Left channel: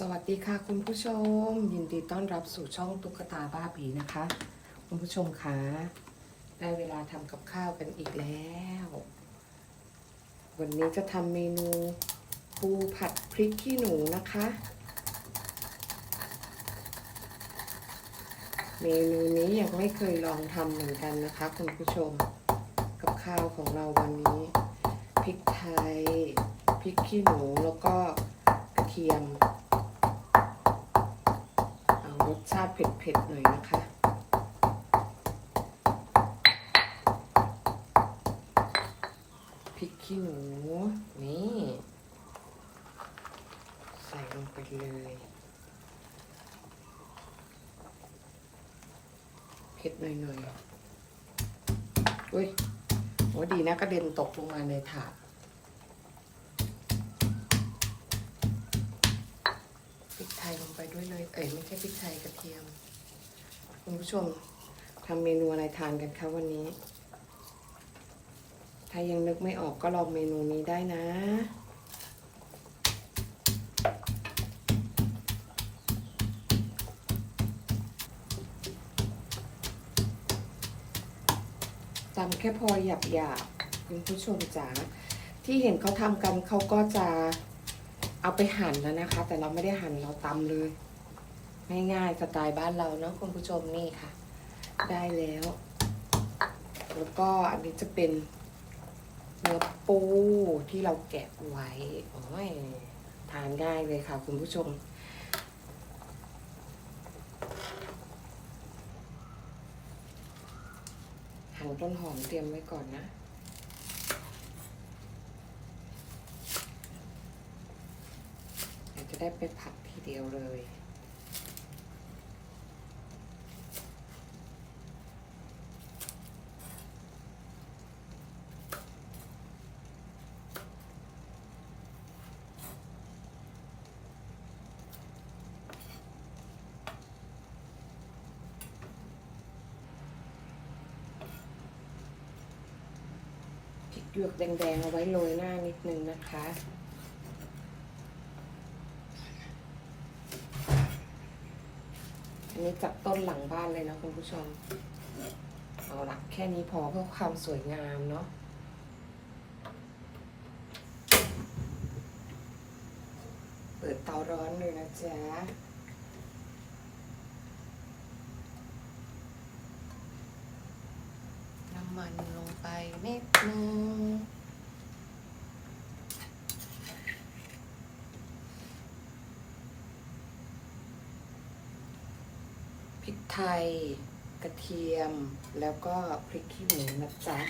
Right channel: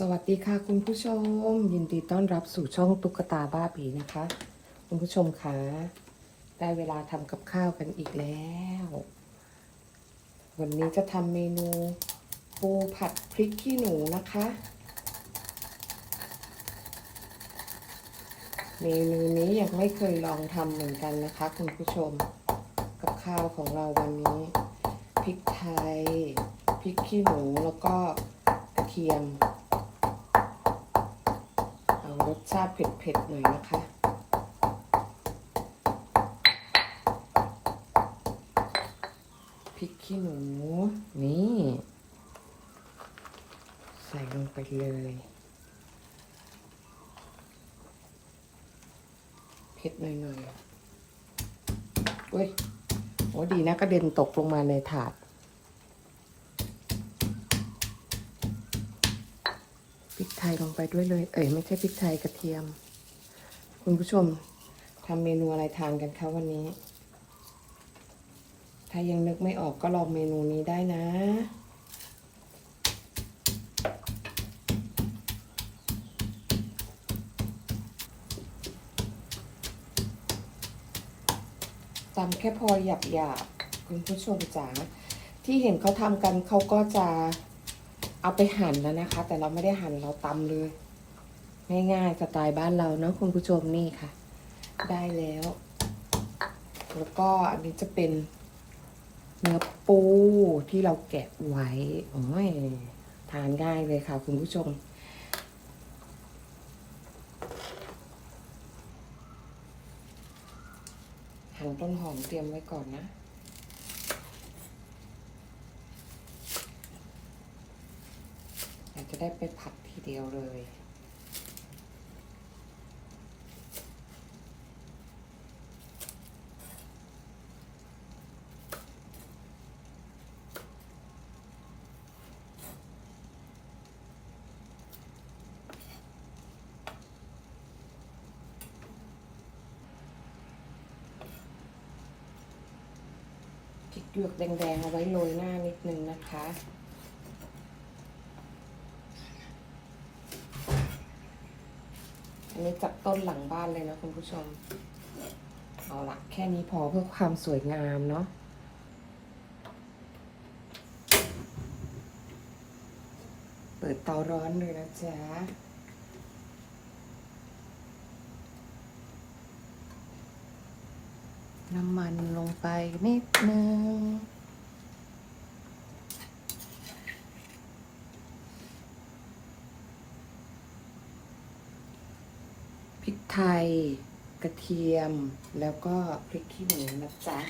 สวัสดีค่ะคุณผู้ชม ยินดีต้อนรับสู่ช่องตุ๊กตาบ้าผีนะคะ คุณผู้ชมคะได้เวลาทำกับข้าวกันอีกแล้ว วันนี้จะทำเมนูปูผัดพริกขี้หนูนะคะ เมนูนี้ยังไม่เคยลองทำเหมือนกันนะคะ คุณผู้ชมกับข้าวของเราวันนี้พริกไทยพริกขี้หนูแล้วก็กระเทียม รสชาติเผ็ดๆหน่อยนะคะ พริกขี้หนู นี่ ใส่ลงไปเลยเผ็ดหน่อยๆอุ้ยโอ้ดีนะกระเด็นตกลงมาในถาด พริกไทยลงไปด้วยเลย เอ้ยไม่ใช่พริกไทยกระเทียม คุณผู้ชมทำเมนูอะไรทานกันคะวันนี้ ถ้ายังนึกไม่ออกก็ลองเมนูนี้ได้นะตำแค่พอหยาบหยาบๆคุณผู้ชมจ๋าที่เห็นเขาทำกันเขาก็จะ เอาไปหั่นแล้วนะคะ แต่เราไม่ได้หั่นเราตำเลยง่ายๆสไตล์บ้านเราเนาะคุณผู้ชมนี่ค่ะ ได้แล้ว แล้วก็อันนี้จะเป็นเนื้อปูที่เราแกะไว้โอ้ยทานง่ายเลยค่ะ คุณผู้ชมหั่นต้นหอมเตรียมไว้ก่อนนะ เดี๋ยว จะได้ไปผัดทีเดียวเลย พริกหยวกแดงๆเอาไว้โรยหน้านิดนึงนะคะ นี้จากต้นหลังบ้านเลยนะคุณผู้ชม เอาละแค่นี้พอเพื่อความสวยงามเนาะเปิดเตาร้อนเลยนะจ๊ะน้ำมันลงไปนิดนึง ริกไทย กระเทียม แล้วก็พริกขี้หนูนะจ๊ะ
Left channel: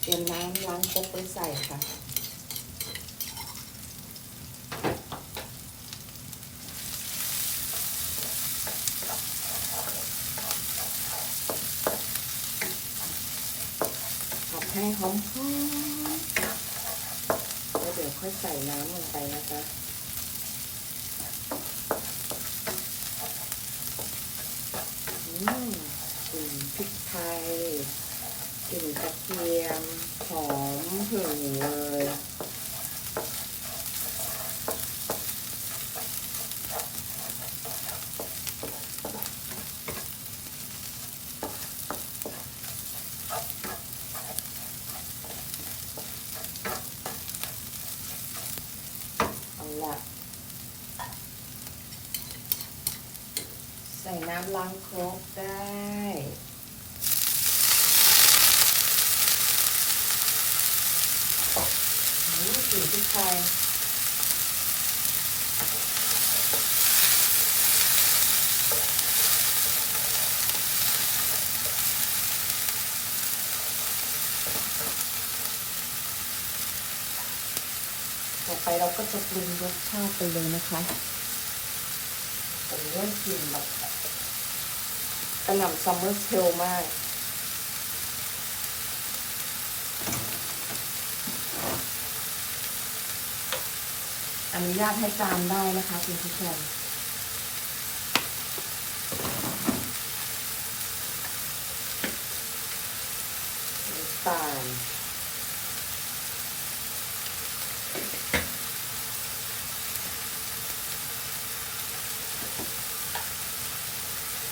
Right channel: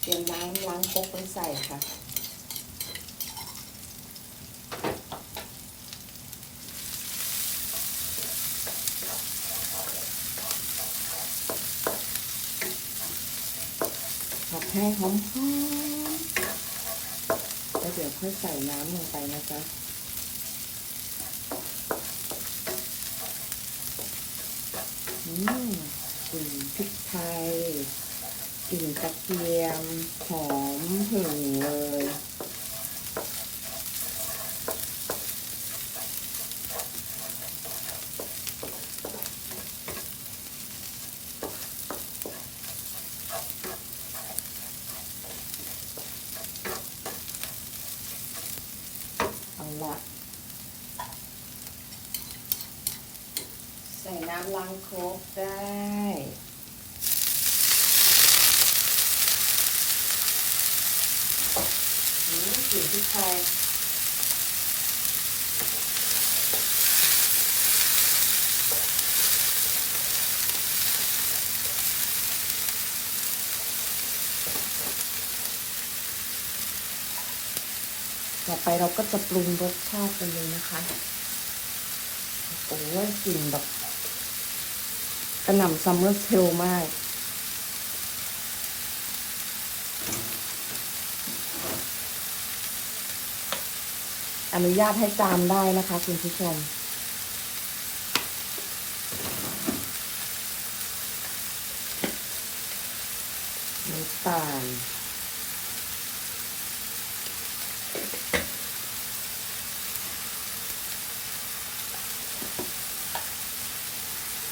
เตรียมน้ำล้างครกไว้ใส่ค่ะ ให้หอมๆแล้วเดี๋ยวค่อยใส่น้ำลงไปนะจ๊ะอืมกลิ่นพริกไทยกลิ่นกระเทียมหอมหึงเลยำล้างครกได้อืมกลิ่นพริกไทยต่อไปเราก็จะปรุงรสชาติไปเลยนะคะโอ้โหกลิ่นแบบ กระหน่ำซัมเมอร์เซลมาก อนุญาตให้จามได้นะคะคุณผู้ชม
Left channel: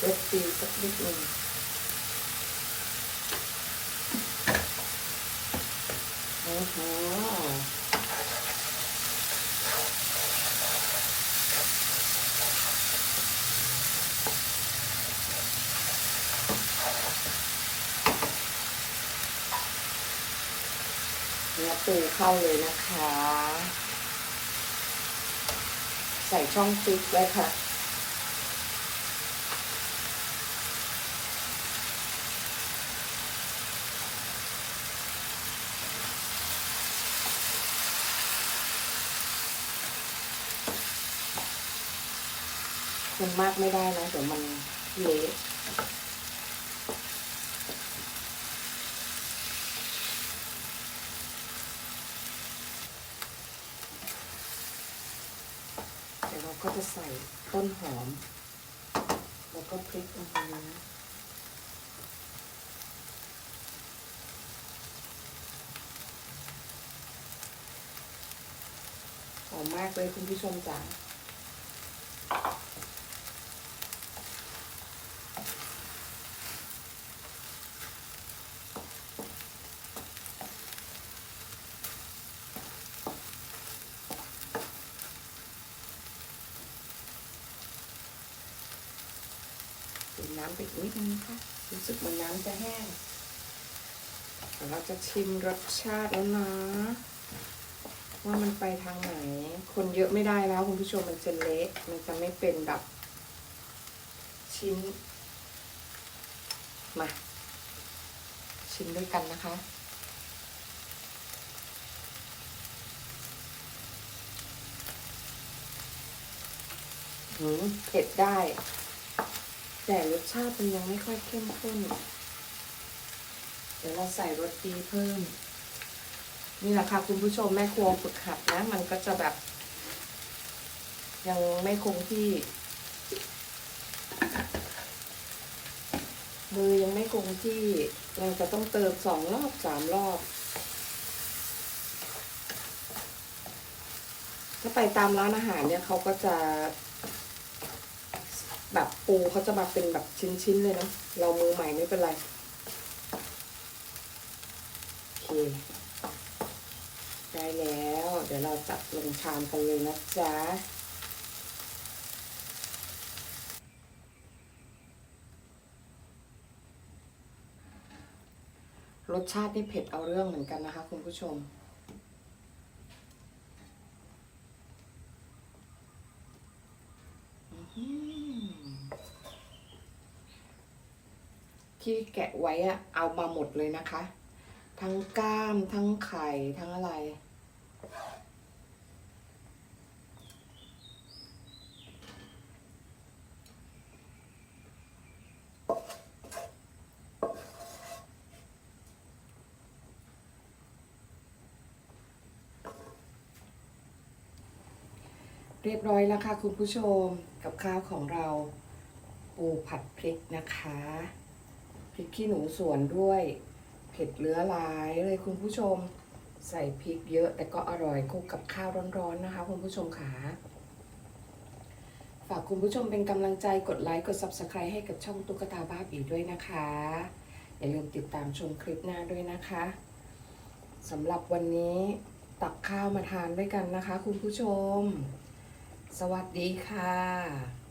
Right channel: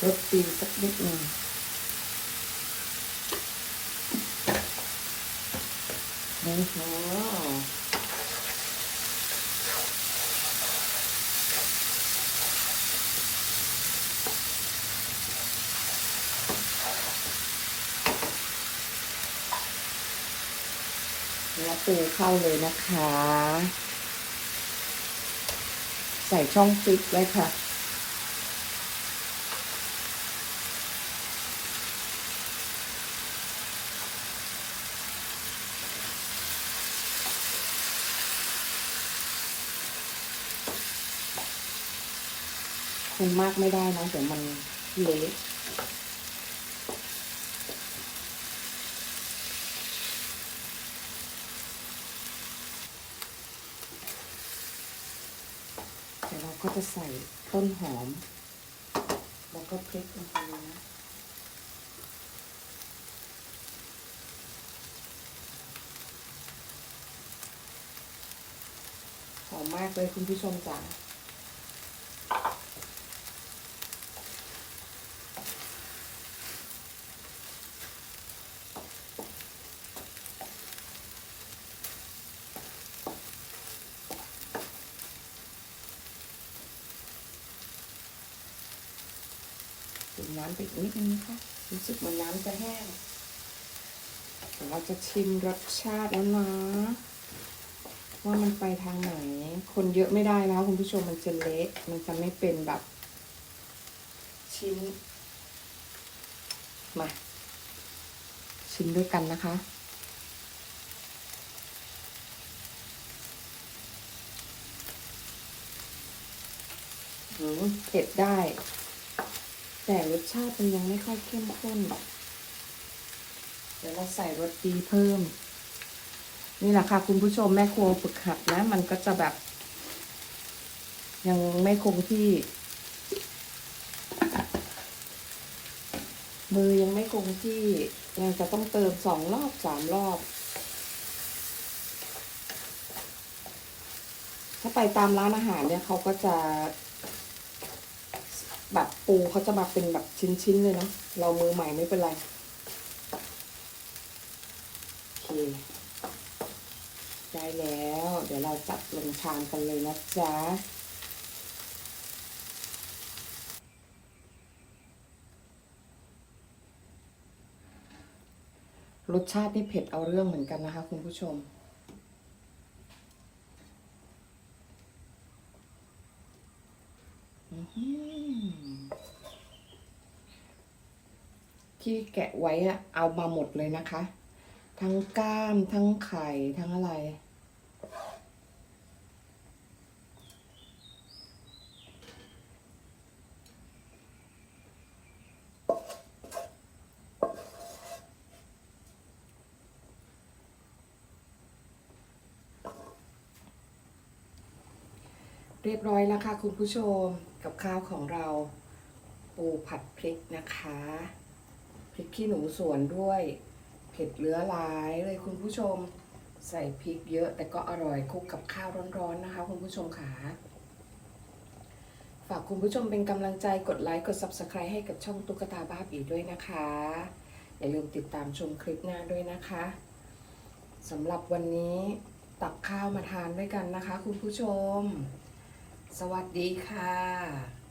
รสตีสักนิดหนึ่งโอ้โหเนื้อปูเข้าเลยนะคะ ใส่ช่องฟิตไว้ค่ะ คนมากไม่ได้นะเดี๋ยวมันเละเดี๋ยวเราก็จะใส่ต้นหอม แล้วก็พริกลงไปนะหอมมากเลยคุณผู้ชมจ๋า น้ำไปอีกนิดนึงนะคะรู้สึกเหมือนน้ำจะแห้งเราจะชิมรสชาติแล้วนะว่ามันไปทางไหน คนเยอะไม่ได้นะคุณผู้ชมมันจะเละมันจะไม่เป็นแบบ ชิ้น มา ชิมด้วยกันนะคะหืมเผ็ดได้ แต่รสชาติมันยังไม่ค่อยเข้มข้น เดี๋ยวเราใส่รสดีเพิ่ม นี่แหละค่ะคุณผู้ชมแม่ครัวฝึกหัดนะ มันก็จะแบบ ยังไม่คงที่ มือยังไม่คงที่ยังจะต้องเติมสองรอบสามรอบถ้าไปตามร้านอาหารเนี่ยเขาก็จะ ปูเขาจะมาเป็นแบบชิ้นๆเลยนะ เรามือใหม่ไม่เป็นไร โอเค ได้แล้ว เดี๋ยวเราจัดลงชามกันเลยนะจ๊ะรสชาตินี่เผ็ดเอาเรื่องเหมือนกันนะคะคุณผู้ชม อื้อหือ ที่แกะไว้อะเอามาหมดเลยนะคะ ทั้งก้ามทั้งไข่ทั้งอะไร เรียบร้อยแล้วค่ะคุณผู้ชมกับข้าวของเราปูผัดพริกนะคะพริกขี้หนูสวนด้วยเผ็ดเลื้อหลายเลยคุณผู้ชมใส่พริกเยอะแต่ก็อร่อยคลุกกับข้าวร้อนๆนะคะ คุณผู้ชมค่ะฝากคุณผู้ชมเป็นกำลังใจกดไลค์กด Subscribe ให้กับช่องตุ๊กตาบ้าบีด้วยนะคะ อย่าลืมติดตามชมคลิปหน้าด้วยนะคะสำหรับวันนี้ตักข้าวมาทานด้วยกันนะคะ คุณผู้ชม สวัสดีค่ะ